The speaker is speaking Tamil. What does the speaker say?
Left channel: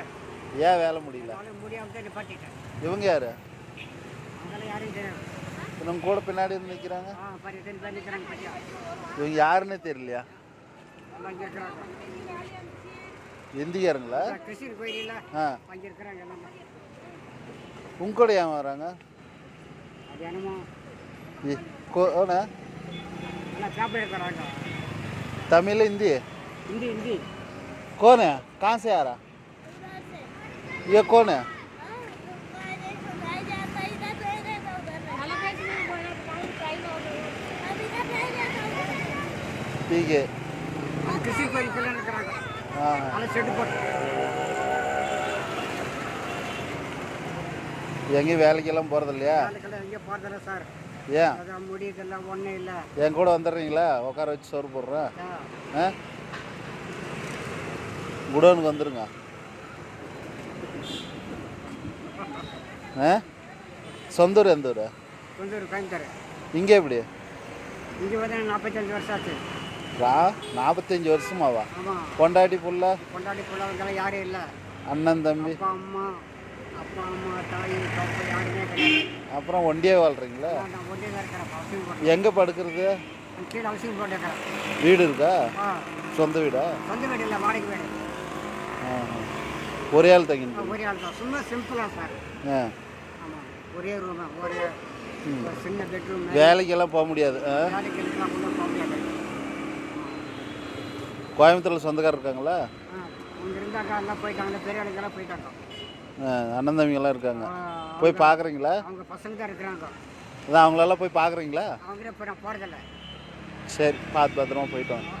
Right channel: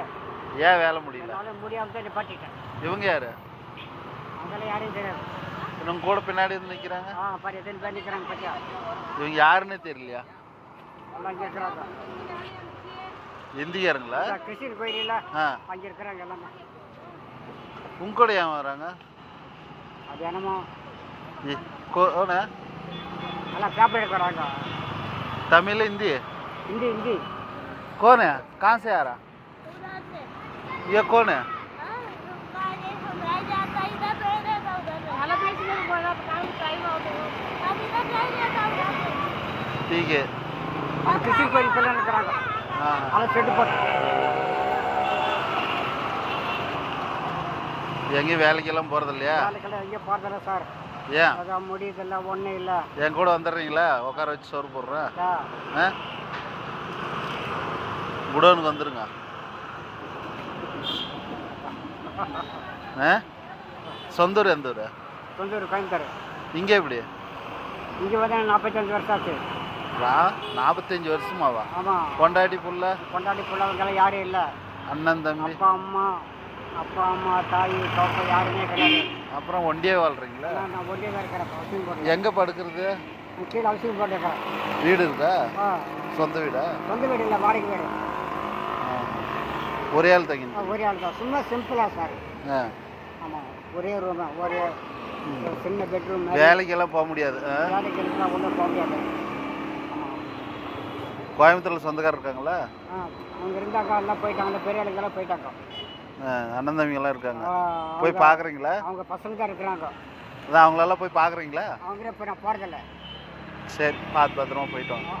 முடியல. ஏன் வேலை முடியல? முடியாமல் தான் நிப்பாட்டிட்டேன். இவங்க யாரு? அதெல்லாம் யாரையும் தெரியாது. இவங்க கூட பின்னாடி வந்து நிற்கிறாங்க. பாரு எத்தனை பேர் நிற்கிறாங்க பற்றியா? இவங்க யாருன்னே தெரியலையா? எல்லாம் இங்கே இருக்கிறாங்க. இந்திக்காரங்களா? கிருஷ்ணர் கோயிலில் அங்கே இருக்கிறாங்க எல்லாமே. உங்க கூட ஏன் வராங்க? அது என்னமோ எல்லாம் பேப்பர் எடுக்கிறாங்க. तमिल हिंदी हिंदी हिंदी कौन है? कहाँ से आ रहा? ये कौन है? ठीक है. किसी को निकलना नहीं करागा. हाँ सेट पर எங்கே வேலைக்கெல்லாம் போகிறது இல்லையா? வேலைக்கெல்லாம் எங்கேயும் போகிறதில்ல சார். ஏன்? அதான் முடியல ஒன்றும் இல்லை. என் கூட வந்துடுறீங்களா? உட்கார வச்சு சோறு போடுறேன். குடோனுக்கு வந்துடுங்க. சொந்த ஊர் எந்த ஊர்? சொந்த ஊர் கோயம்புத்தூர். இங்கே எப்படி? இங்கே வந்து 45 வருஷம் ஆச்சு. 45 வருஷமாவா? ஆமாம். பொண்டாட்டி புள்ள அவங்கெல்லாம் யாரும் இல்லை. அண்ணன் தம்பி அப்பா அம்மா தாய் பாப்பா யாருமே கிடையாது. அப்புறம் ஒண்டியே வாழ்றீங்களா? நான் ஒண்டியே தான் இருக்கிறேன். எங்கே படுக்கிறது? கீழே அவசியம் போட்டுருக்கேன். வீடு இருக்கா? சொந்த வீடா? சொந்த வீடு இல்லை, வாடகை வீடு. ஒரே ஆள் தங்கிங்க? ஒரே ஆள் தான். சும்மா சிம்பிளாக சார். ஆமாம், ஒரே ரூம், ஒரே சின்ன பெட்ரூம். வேலைக்கெல்லாம் போக முடியாது. வேலைக்கெல்லாம் ஒன்றும் போக முடியாது. கோயம்புத்தூரில் சொந்தக்காரர் இருக்காங்களா? அவங்க இருந்தாக்கா எல்லாம் போயிட்டாங்க. பெரிய ஆளுங்கெல்லாம் போயிட்டாங்க. அண்ணன் தம்பிங்கெல்லாம் இருக்காங்க. போய் பார்க்குறீங்களா? அவங்க பசங்க தான் இருக்கிறாங்க. அதான் அவங்களெல்லாம் போய் பார்க்குறீங்களா? அவங்களே போய் நான் போகிறதில்ல. சரி, பார்த்து பத்திரமா போயிட்டு வாங்க.